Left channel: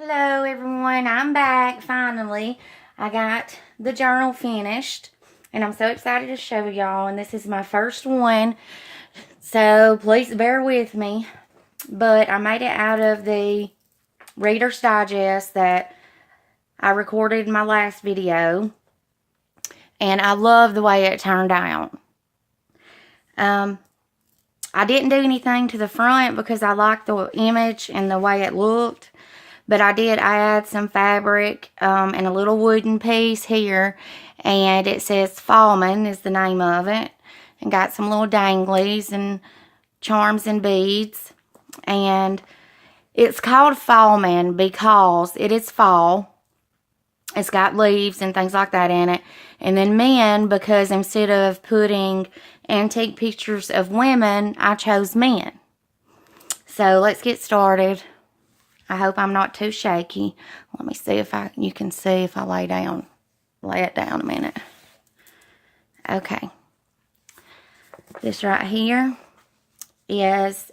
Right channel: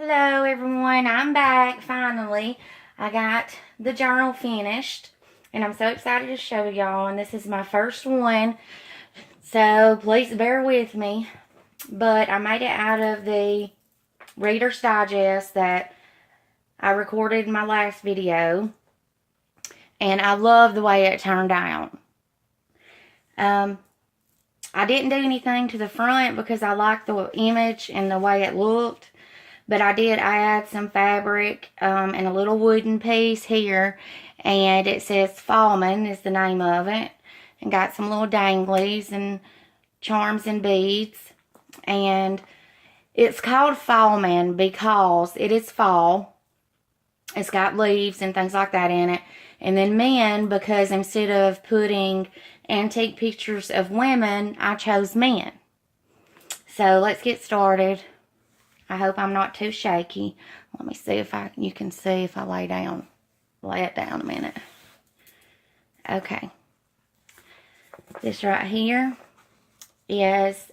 Hello everyone, I'm back finally. I got the journal finished and I'm so excited to show y'all, and this is my first one, so please bear with me. But I made it out of the Reader's Digest that I recorded in my last video, and I love the way it turned out. I didn't do anything to the front because I liked the image and the way it looked. But I did add some fabric and a little wooden piece here. And it says Fallmen is the name of it. And got some little danglies and charms and beads. And it's called Fallmen because it is fall. It's got leaves and things like that in it. And then men, because instead of putting antique pictures of women, I chose men. So let's get started. I hope I'm not too shaky. Let me see if you can see if I lay it down a minute. Okay. This right here is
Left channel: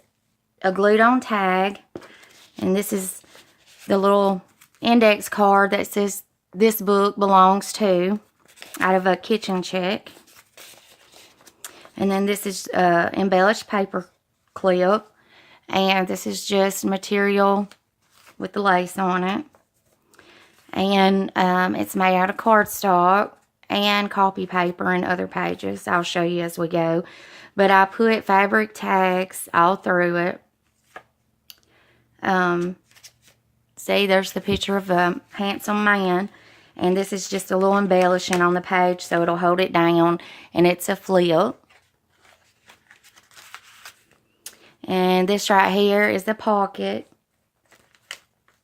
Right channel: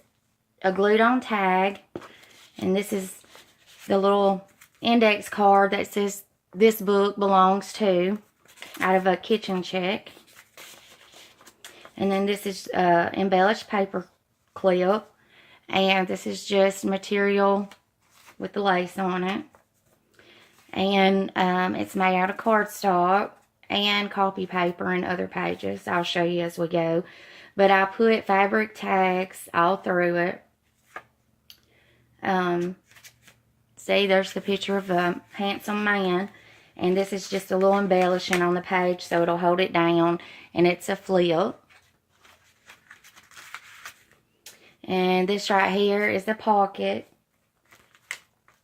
a glued on tag. And this is the little index card that says this book belongs to, out of a kitchen check. And then this is embellished paper clip. And this is just material with the lace on it. And it's made out of cardstock and copy paper and other pages. I'll show you as we go. But I put fabric tags all through it. See, there's the picture of a handsome man. And this is just a little embellishing on the page so it'll hold it down. And it's a flip. And this right here is the pocket,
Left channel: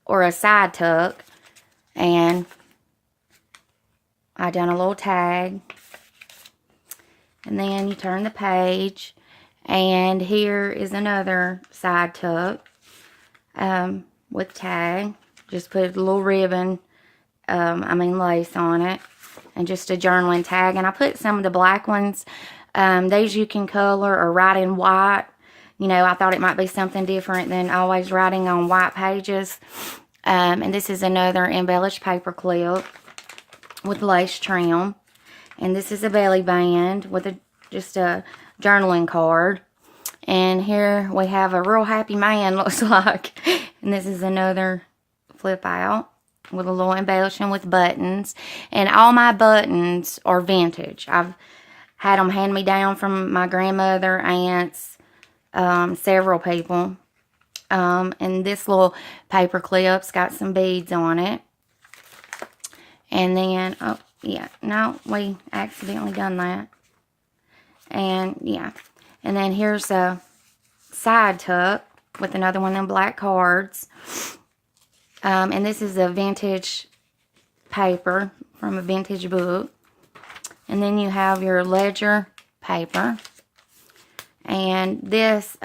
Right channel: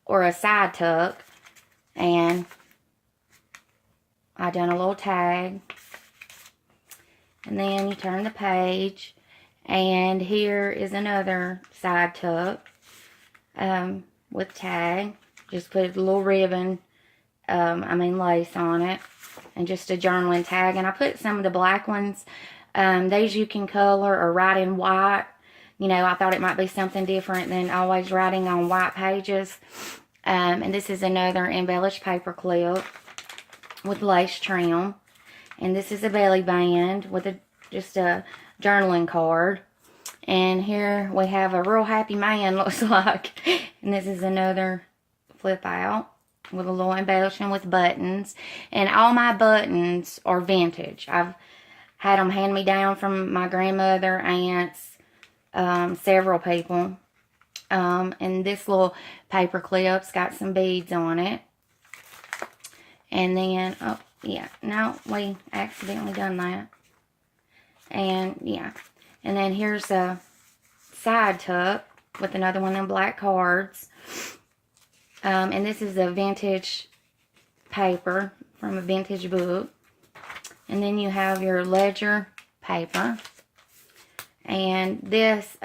or a side tuck, and I done a little tag. And then you turn the page, and here is another side tuck with tag. Just put a little ribbon, lace on it, and just a journaling tag. And I put some of the black ones. These you can color or write in white. You know, I thought it might be something different than always writing on white pages. And this is another embellished paper clip with lace trim. And this is a belly band with just a journaling card. And here we have a real happy man, looks like. And this is another flip out with a little embellishing with buttons. And all my buttons are vintage. I've had them hand me down from my grandmother, aunts, several people. And this little paper clip's got some beads on it. And then, oh, yeah, no, we accidentally done that. And, yeah. And then here's a side tuck with another one of them black cards. And this is a vintage paper from a vintage book. And then you have your ledger paper. And this,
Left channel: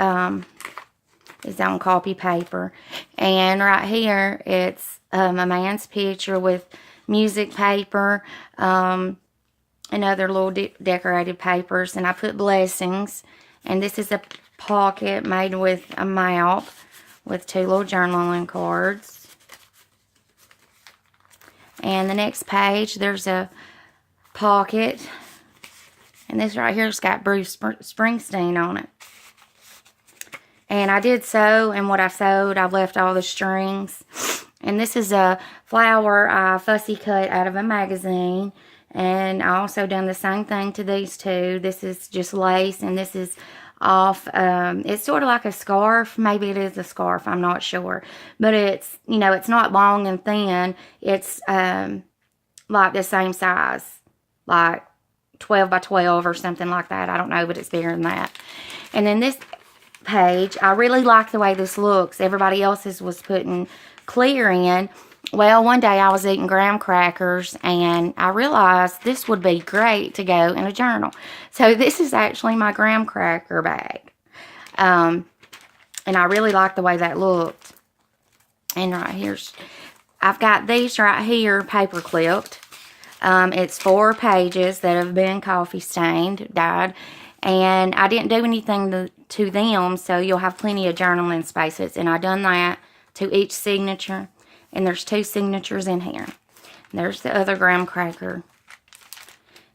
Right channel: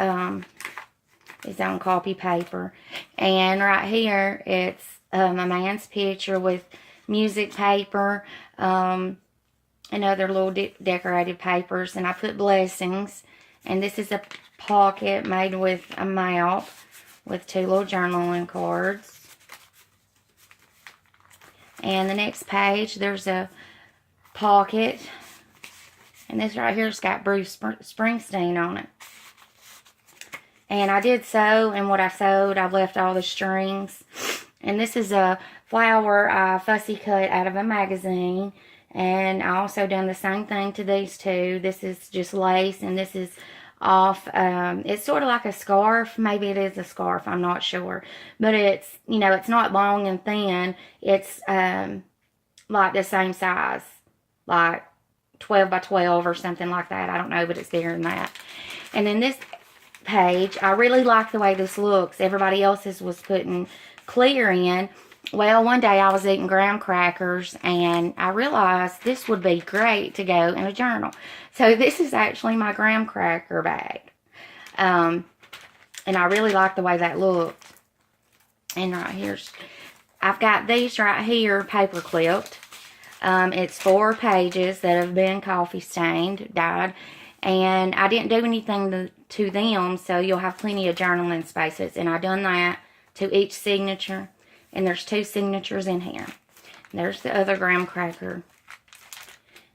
is on copy paper. And right here it's a man's picture with music paper and other little decorated papers. And I put blessings. And this is a pocket made with a mount with two little journaling cards. And the next page there's a pocket. And this right here's got Bruce Springsteen on it. And I did sew, and what I sewed, I left all the strings. And this is a flower I fussy cut out of a magazine. And I also done the same thing to these two. This is just lace, and this is off. It's sort of like a scarf. Maybe it is a scarf, I'm not sure. But it's, you know, it's not long and thin. It's like the same size, like 12 by 12 or something like that. I don't know, but it's bigger than that. And then this page, I really like the way this looks. Everybody else's was putting clear in. Well, one day I was eating graham crackers and I realized this would be great to go in a journal. So this is actually my graham cracker bag. And I really like the way that looked. And right here's, I've got these right here paper clipped. It's 4 pages that have been coffee stained, dyed. And I didn't do anything to them, so you'll have plenty of journaling spaces. And I done that to each signature. And there's 2 signatures in here. There's the other graham cracker.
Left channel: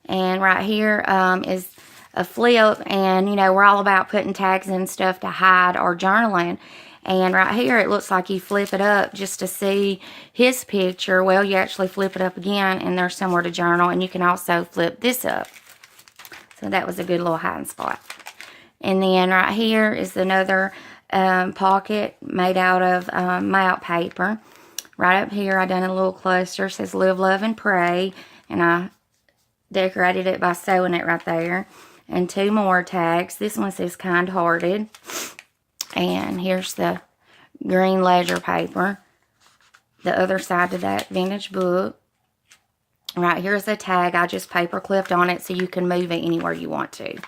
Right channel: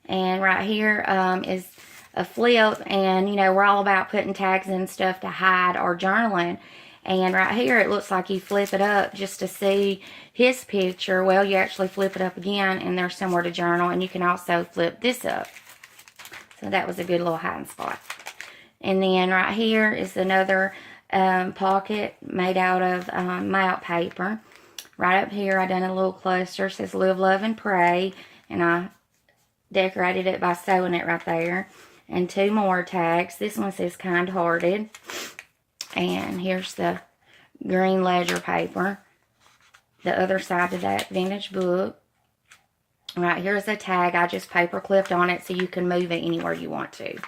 And right here is a flip. And, you know, we're all about putting tags and stuff to hide our journaling. And right here, it looks like you flip it up just to see his picture. Well, you actually flip it up again, and there's somewhere to journal. And you can also flip this up. So that was a good little hiding spot. And then right here is another pocket made out of map paper. Right up here, I done a little cluster. It says Live, Love, and Pray. And I decorated it by sewing it right there. And 2 more tags. This one says Kind Hearted. And here's the green ledger paper. The other side of that vintage book. Right here's a tag. I just paper clipped on it so you can move it anywhere you want to.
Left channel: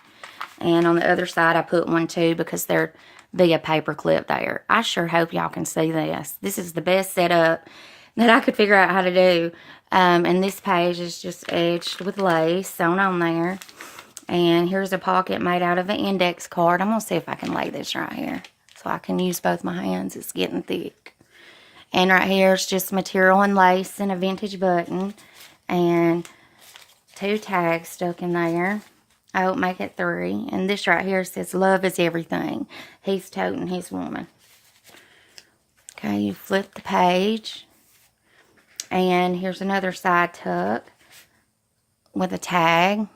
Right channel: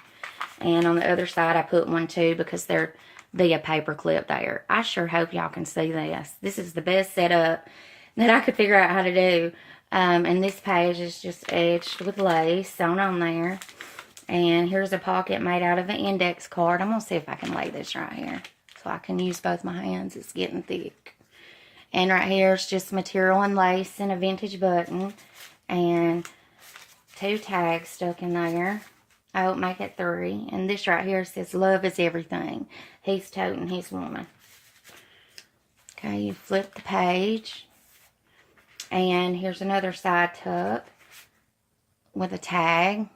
And on the other side I put one too because there'd be a paper clip there. I sure hope y'all can see this. This is the best setup that I could figure out how to do. And this page is just edged with lace sewn on there. And here's a pocket made out of an index card. I'm going to see if I can lay this right here so I can use both my hands. It's getting thick. And right here is just material and lace and a vintage button. And 2 tags stuck in there. I would make it 3. And this right here says Love is Everything. He's toting his woman. Okay, you flip the page. And here's another side tuck with a tag.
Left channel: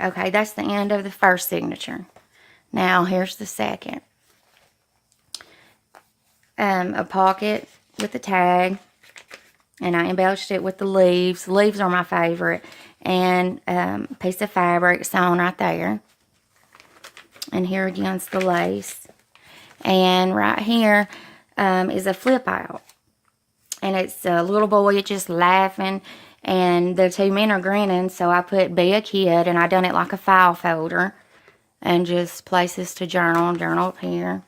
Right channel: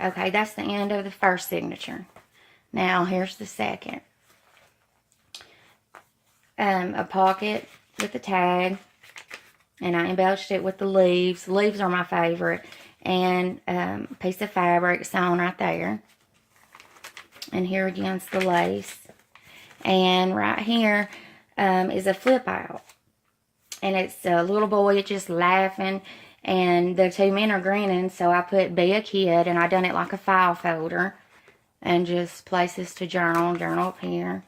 Okay, that's the end of the first signature. Now, here's the second. A pocket with a tag. And I embellished it with the leaves. Leaves are my favorite. And a piece of fabric sewn right there. And here again's the lace. And right here is a flip out. And it's a little boy just laughing. And the 2 men are grinning, so I put Be a Kid, and I done it like a file folder. And just places to journal up here.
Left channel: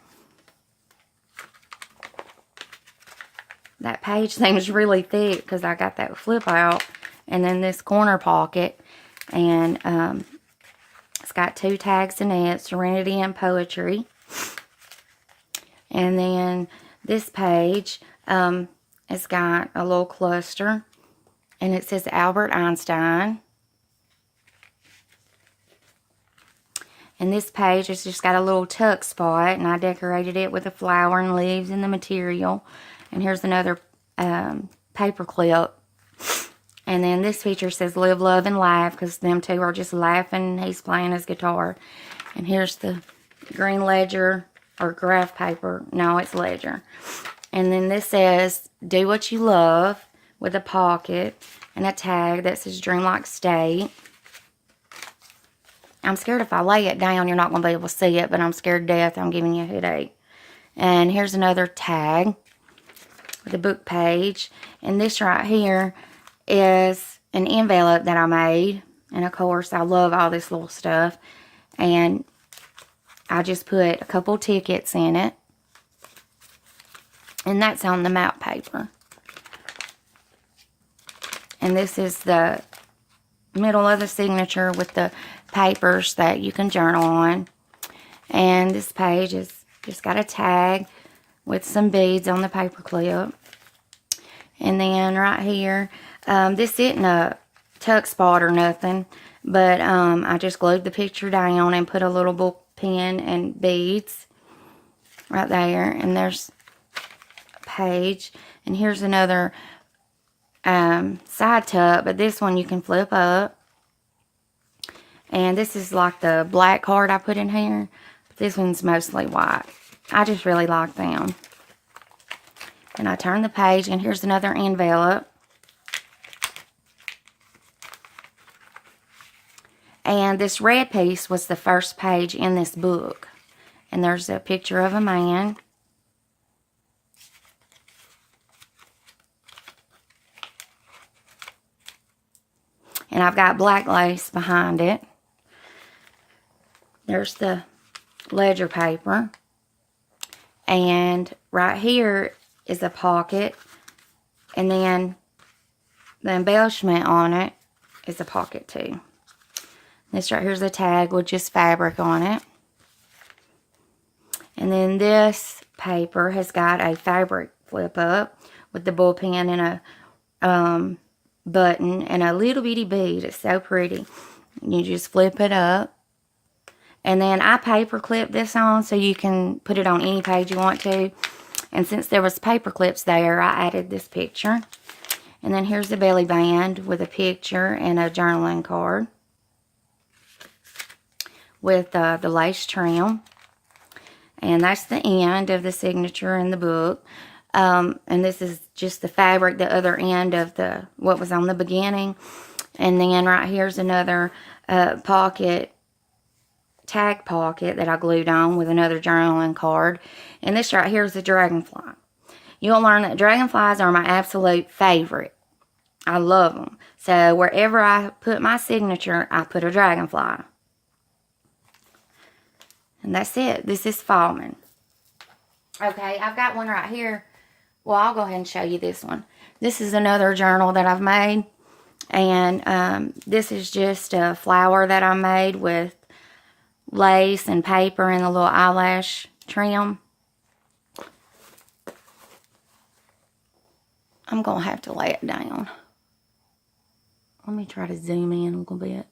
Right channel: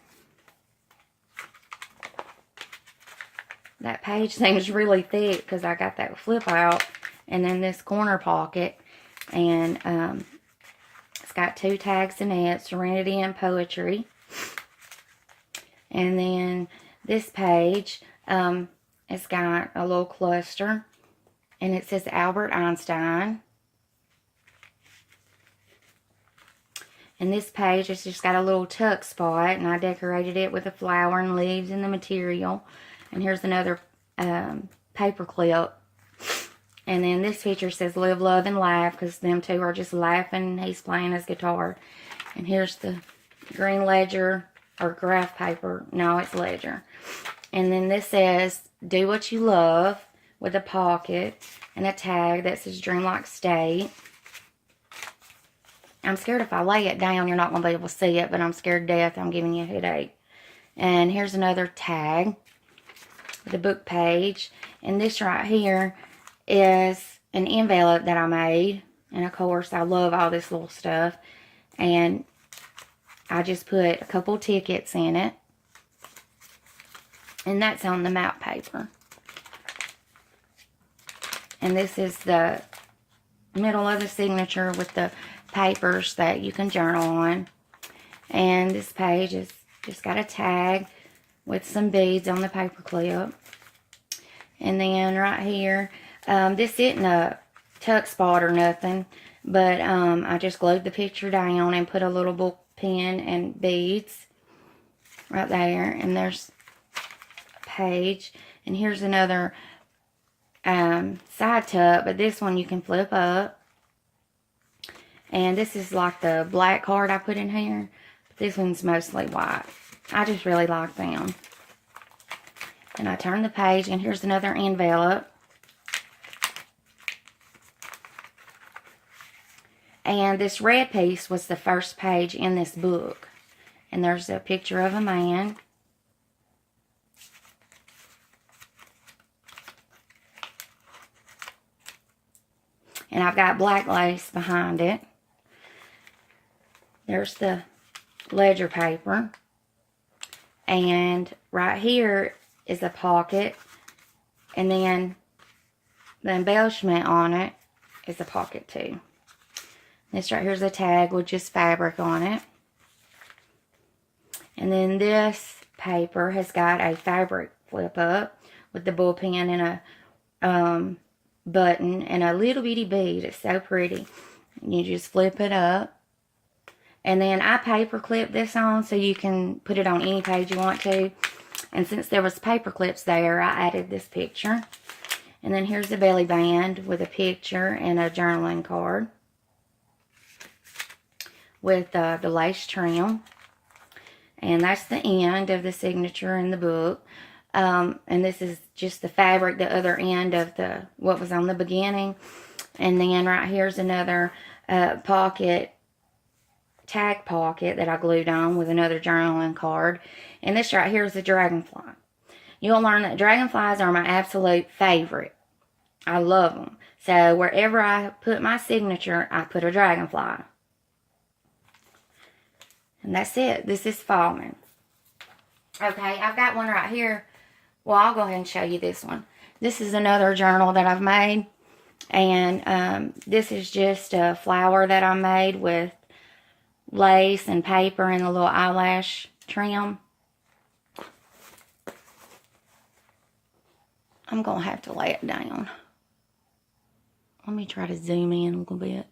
That page seems really thick because I got that flip out. And then this corner pocket. And it's got 2 tags in it, Serenity and Poetry. And then this page, it's got a little cluster. And it says Albert Einstein. And this page has just got a little tuck spot. And I decorated it with a flower and leaves and the material. And here's another paper clip. And then this picture says Live, Love, and Laugh. Because them 2 are just laughing. He's playing his guitar. And here's the green ledger. Or graph paper. No, it's ledger. And then this says Do What You Love. With a pocket and a tag that says Dream Like State. I'm scared if I lay it down, you're not going to be able to see it, but I'm scared to death. I'm giving you a headache. And here's another tag with a book page. And this right here is an envelope that I made. And of course, I love all this little stuff. And I just put a couple tickets in it. And that's on the map paper. And this is the middle of the signature with the papers that you can journal on. And this page is just got a tag with some beads on the paper clip. And then right here, this isn't a tuck spot or nothing, but I just glued the picture down and put a little book pin and beads right there. And there's a page. And here's another side tuck, but this one you can flip up. And this is like the black card I put in here. This one's mostly white. I just really like them. And I turn the page, and here's another envelope. And this red piece was the first page in this book. And there's a picture of a man. And I've got black lace behind it. There's the ledger paper. And right here is a pocket. And then the embellishment on it is a pocket too. This right here is a tag with just fabric on it. And then this paper has got a fabric flip up with the bullpen and a button and a little bitty bead. It's so pretty. You just flip it up. And then I paper clip this on so you can put it on any page you want to. And since there was paper clips there, I added this picture. And then here's the belly band with a picture and a journaling card with the lace trim. And that's the end of the signature in the book. And this is just the fabric, the other end of what was on the beginning. And then right here's another tag pocket that I glued on with another journaling card. And this right here is a dragonfly. You'll learn that dragonflies are my absolute favorite. I love them. So wherever I put my signature, I put a dragonfly. And that's it. This is Fallmen. Okay, I've got one right here. Well, I'll go ahead and show you this one. This is another journal that I've made. And this is just a flower that I made with lace and paper and a little eyelash trim. I'm going to have to lay it down. Let me try to zoom in a little bit.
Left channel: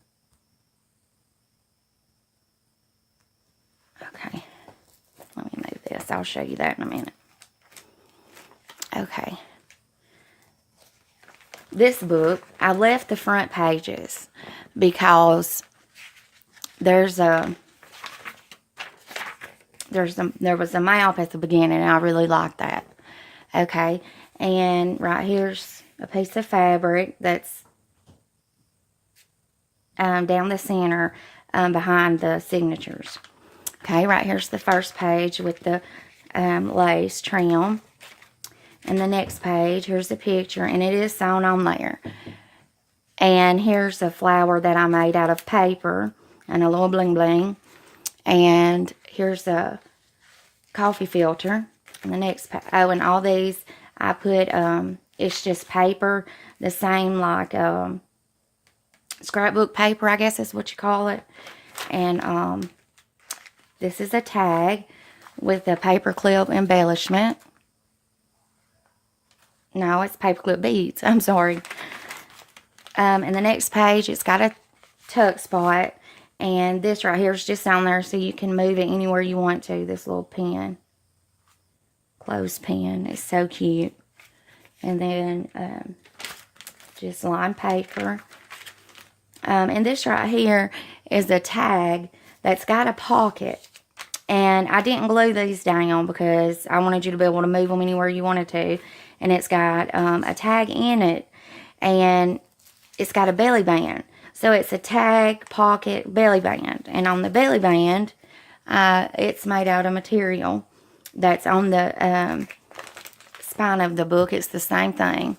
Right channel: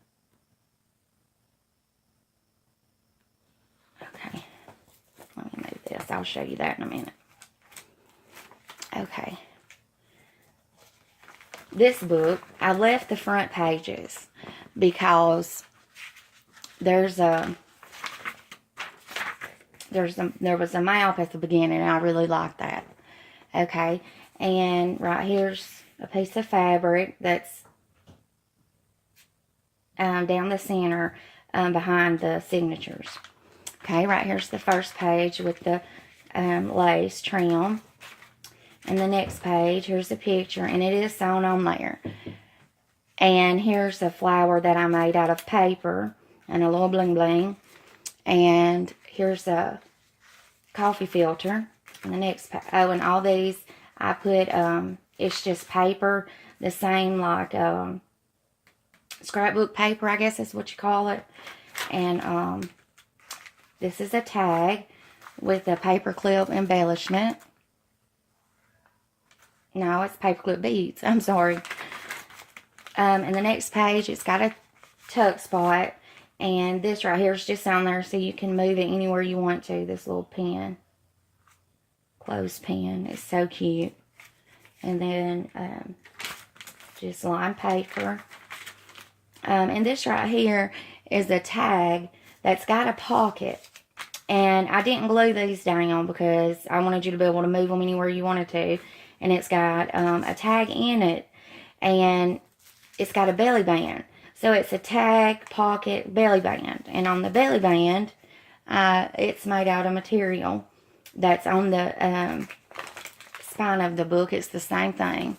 Okay. Let me move this. I'll show you that in a minute. Okay. This book, I left the front pages because there was a map at the beginning, and I really like that. Okay, and right here's a piece of fabric that's down the center behind the signatures. Okay, right here's the first page with the lace trim. And the next page, here's the picture, and it is sewn on there. And here's a flower that I made out of paper and a little bling bling. And here's a coffee filter. And the next, and all these I put, it's just paper, the same like scrapbook paper, I guess is what you call it. And this is a tag with a paperclip embellishment. No, it's paperclip beads. I'm sorry. And the next page, it's got a tuck spot. And this right here is just on there so you can move it anywhere you want to. This little pen. Clothespin. It's so cute. And then just lined paper. And this right here is a tag that's got a pocket. And I didn't glue these down because I wanted you to be able to move them anywhere you wanted to. And it's got a tag in it. And it's got a belly band. So it's a tag, pocket, belly band. And on the belly band, it's made out of material that's on the spine of the book. It's the same thing.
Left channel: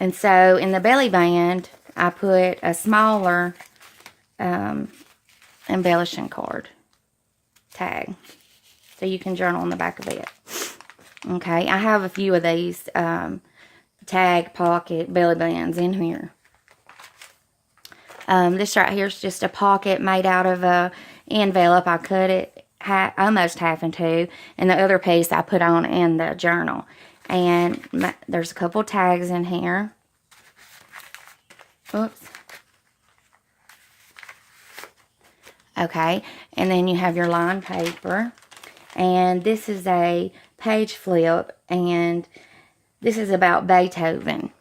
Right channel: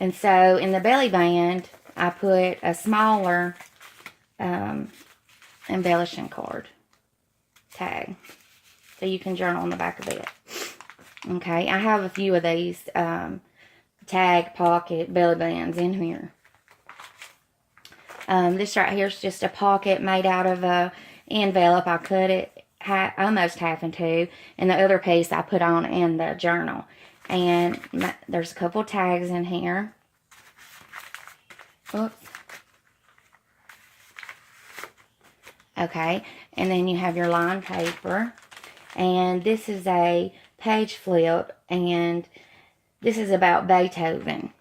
And so in the belly band, I put a smaller embellishing card tag. So you can journal on the back of it. Okay, I have a few of these tag, pocket, belly bands in here. This right here is just a pocket made out of a envelope. I cut it almost half in two. And the other piece I put on in the journal. And there's a couple tags in here. Oops. Okay, and then you have your lined paper. And this is a page flip, and this is about Beethoven.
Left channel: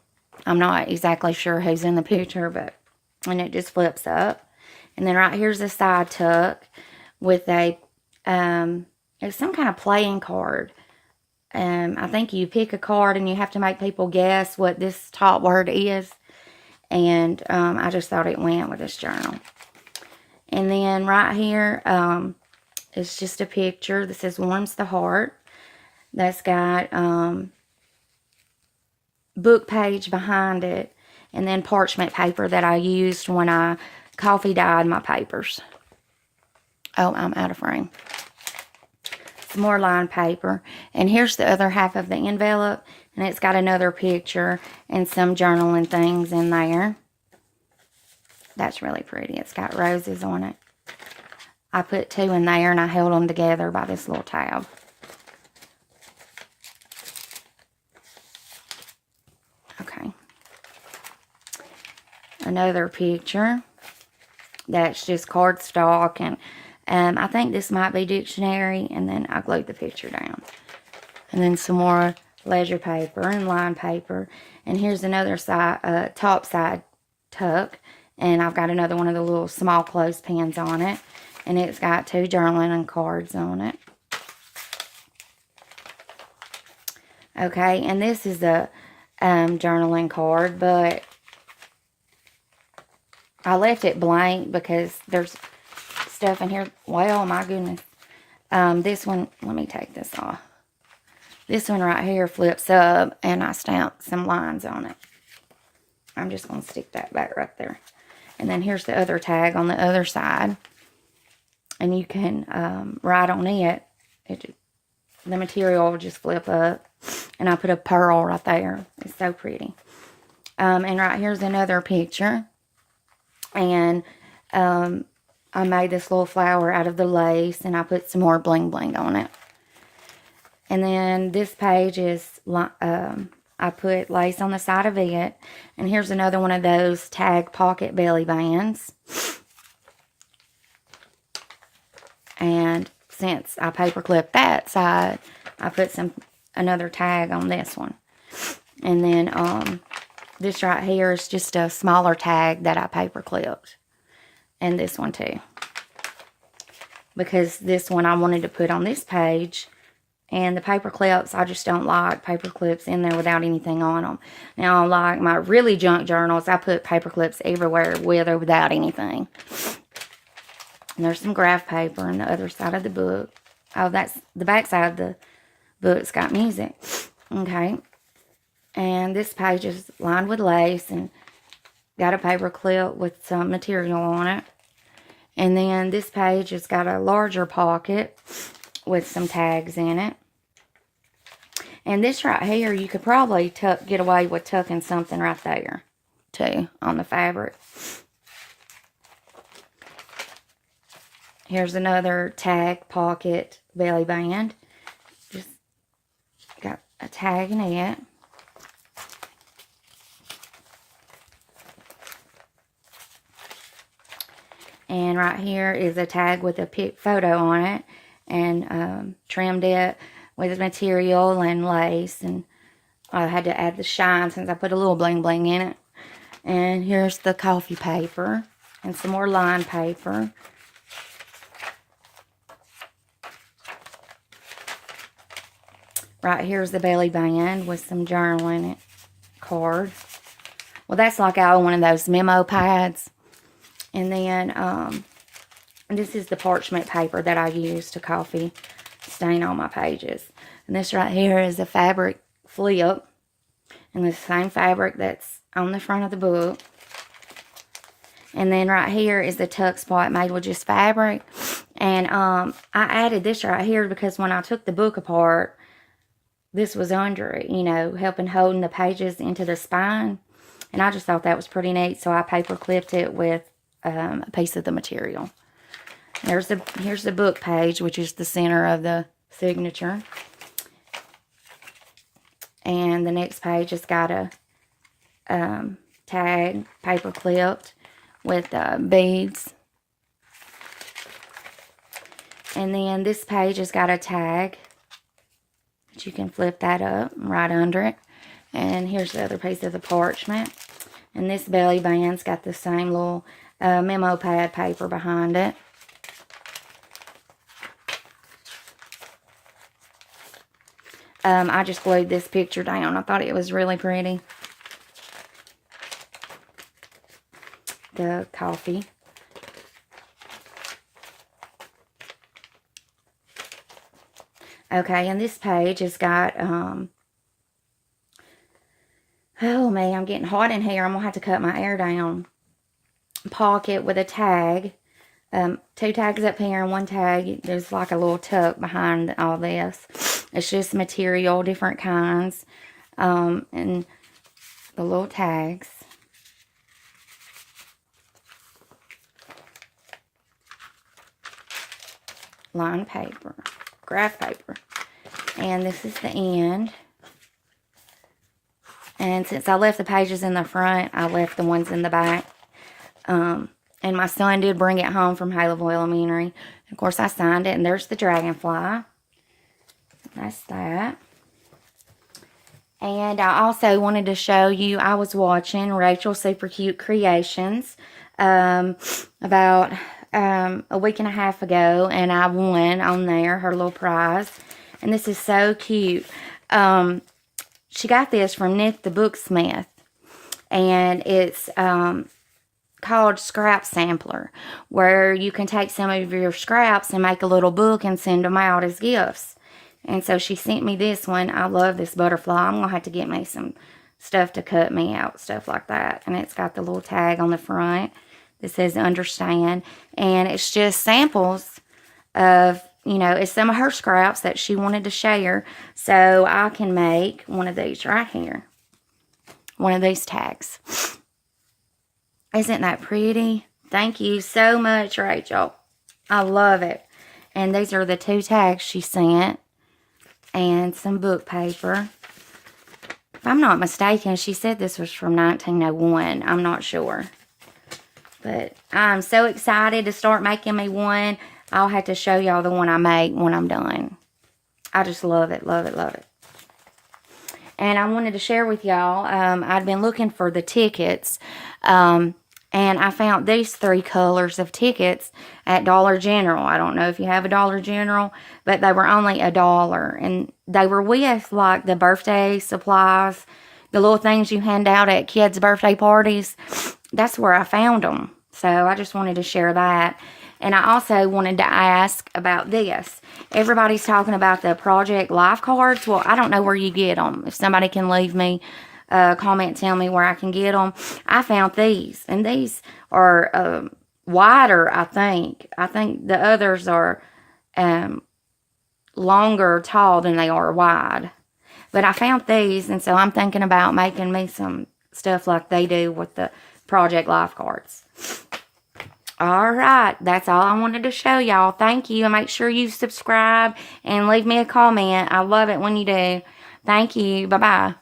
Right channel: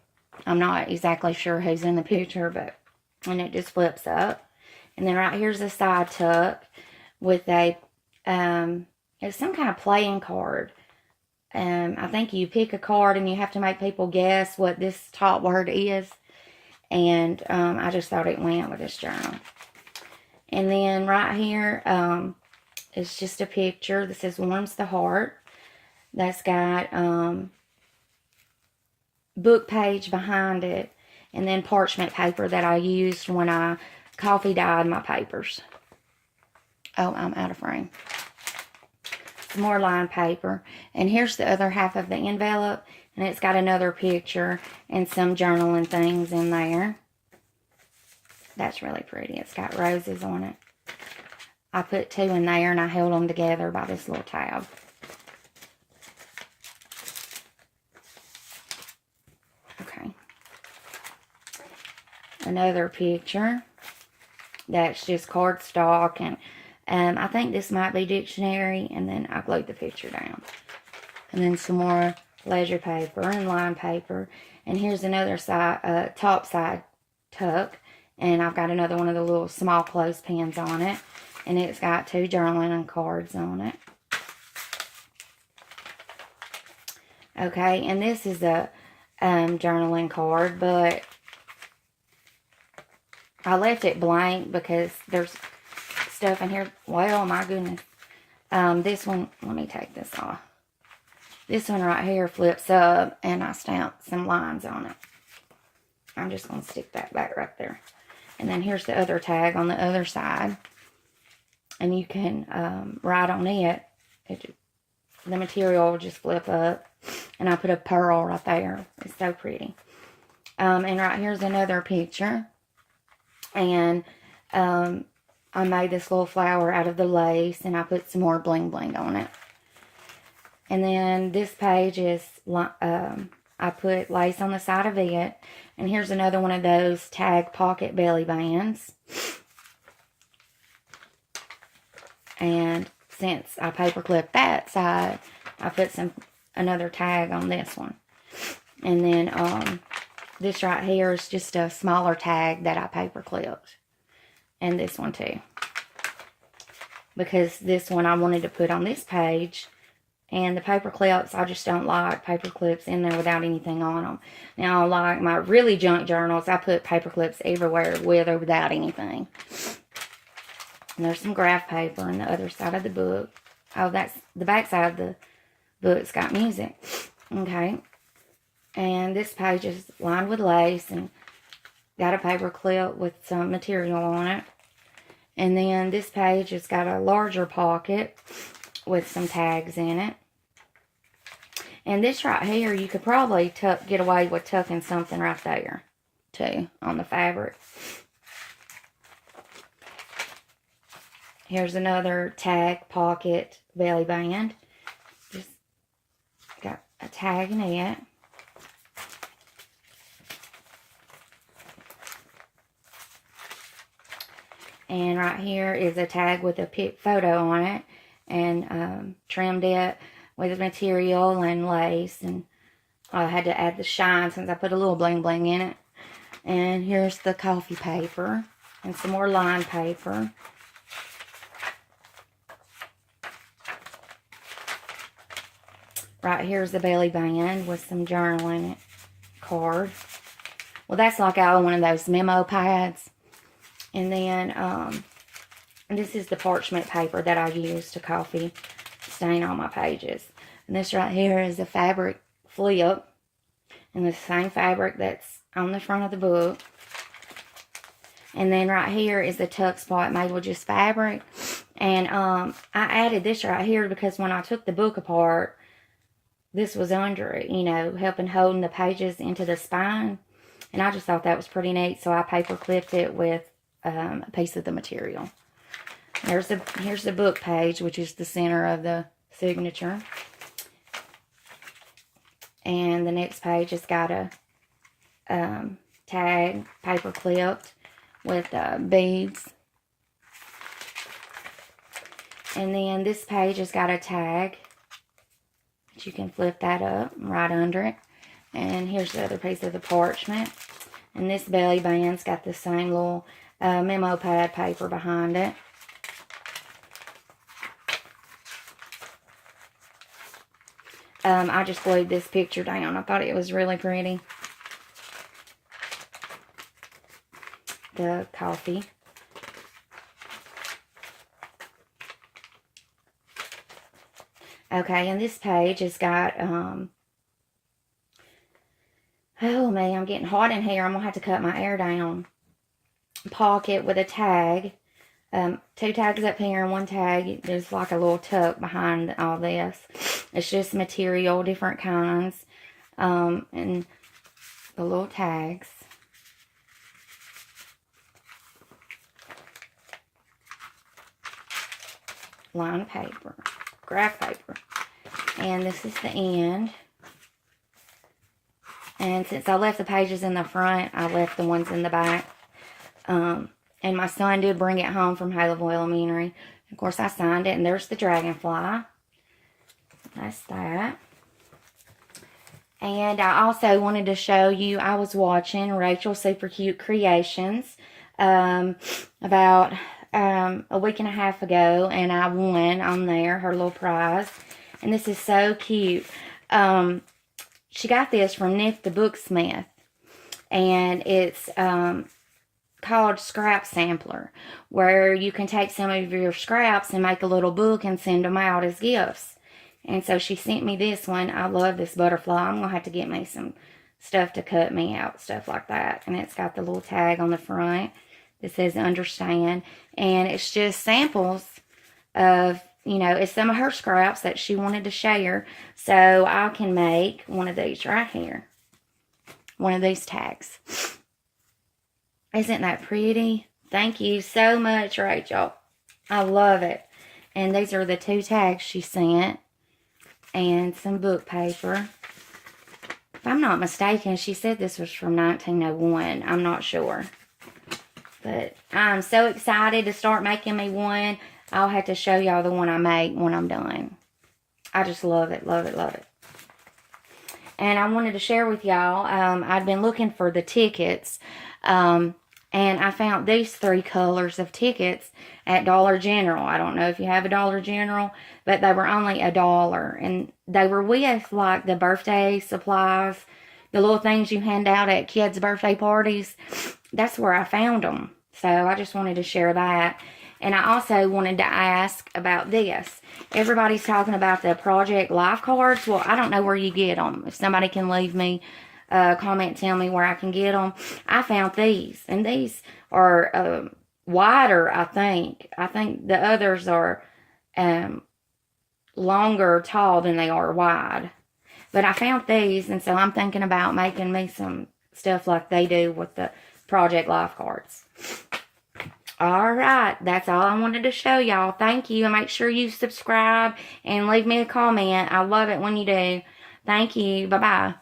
I'm not exactly sure who's in the picture, and it just flips up. And then right here's a side tuck with a, it's some kind of playing card. I think you pick a card and you have to make people guess what this top word is. And I just thought it went with this journal. And then right here, it's just a picture. This says Warms the Heart. That's got book page behind it. And then parchment paper that I used when I coffee dyed my papers. Oh, I'm out of frame. Some more lined paper. And here's the other half of the envelope. And it's got another picture and some journaling things in there. That's really pretty. It's got roses on it. I put two in there and I held them together by this little tab. another picture that's just cardstock, and I think this might be dictionary, and then I glued the picture down. And then some more leisure paper and lined paper. And here's another side, top side tuck. And I've got another one of the little small clothespins on it. And it's got 2 journaling and cards on it. Okay, and this is a journaling card, but I left it blank because there's stuff in here. Well, my goodness. This one, let me take this off. This one right here flips up, and I stamped some lines on it. I'm just going to stick that back right there. And then here's the other tag on the other side. And you can write on it. The material will just flip up. And I put a pearl right there. It's so pretty. And right here's another picture. And I made this little flower out of the lace. And I put some more bling bling on it. And then this page is, I put lace on the side of it. And here's another one of those tag pocket belly bands. And since I paper clipped that side, I put another tag on this one. And then this right here is just a smaller tag that I paper clipped. And this one too. Because this one I wanted to put on this page. And the paper clips, I just don't like paper clips in there without anything on them. Now, like my really junk journals, I put paper clips everywhere with or without anything. And there's some graph paper on the other side of the book. Oh, that's the back side of the book's got music. Okay. And this page is lined with lace and got a paper clip with some material on it. And then this page has got a larger pocket with some tags in it. And this right here, you could probably get away with tucking something right there, too, on the fabric. Here's another tag pocket belly band. Just got a tag in it. And right here is a tag with a pic photo on it. And trimmed it with material and lace. And I had to add the shine since I put a little bling bling in it. And here's the coffee paper. And some more lined paper. Right here's the belly band with some journaling cards. Well, that's like I own one of those memo pads. And then this is the parchment paper that I use to coffee stain on my pages. And this right here is a fabric flip. And the same fabric that's on the front of the book. And then right here is the tuck spot made with just fabric. And I added this right here because when I took the book apart, this was under it, you know, helping holding the pages into the spine. And I just thought that was pretty neat. So I paper clipped it with a piece of the material. Here's the book page, which is the center of the signature. And the next page has got a tag, paper clipped with beads. And then this page has got a tag. You can flip that up right under it. And here's the other piece of the parchment. And this belly band's got the same little memo pad paper behind it. I just glued this picture down. I thought it was really pretty. The coffee. Okay, and this page has got, oh man, I'm getting hot in here. I'm going to have to cut my air down. Pocket with a tag. 2 tags up here and 1 tag. There's like a little tuck behind all this. It's just material, different kinds. And the little tags. Lined paper. Graph paper. And this is the end. And since I left the pages in the front, I left the ones in the back And my son did bring it home from Haleville Elementary. Of course, I signed it, and there's the dragonfly. That's that. And I also wanted to show you, I was watching Rachel Super Cute Creations about a week and a half ago, and I won on there, her little prize. And this is so cute. She got this from Nick the Booksmith, and it's called Scrap Sampler, where you can take some of your scraps and make a little book and send them out as gifts. And so she sent me this one. I love this butterfly. I'm going to have to get me some stuff to cut me out, stuff like that. And it's got the little tag on the front that says understand. And it's just samples of, you know, it's some of her scraps that she wanted to share. So I can make one of these right here. One of these tags. Isn't that pretty? Thank you so much, Rachel. I love it. And these are the 2 tags she sent. And some book paper. If I'm not mistaken, she said this was from 1901. I'm not sure. But I'm so excited to start making me one. I'll have to show y'all the one I make when I'm done. I just love it, love it, love it. And I wanted to share with y'all, I'd been looking for the tickets. And I found these 3 colors of tickets at Dollar General. I don't know if you have a Dollar General, but they were only $1. And they were with, like, the birthday supplies, the little things you hand out at kids' birthday parties. That's where I found them. So I just wanted to share that. And I also wanted to ask about this. Everybody's talking about the Project Life cards. Well, I don't know where you get them. If somebody can leave me comment, tell me where I can get them. I found these, and these are wider, I think. I think the others are longer tall than they are wide. But I found these, and so I'm thinking about making me some stuff like they do with the Project Life cards. All right, that's all I wanted to show y'all. Thank you, and make sure you subscribe and leave me a comment. I love it when you do. Thank you. Bye-bye.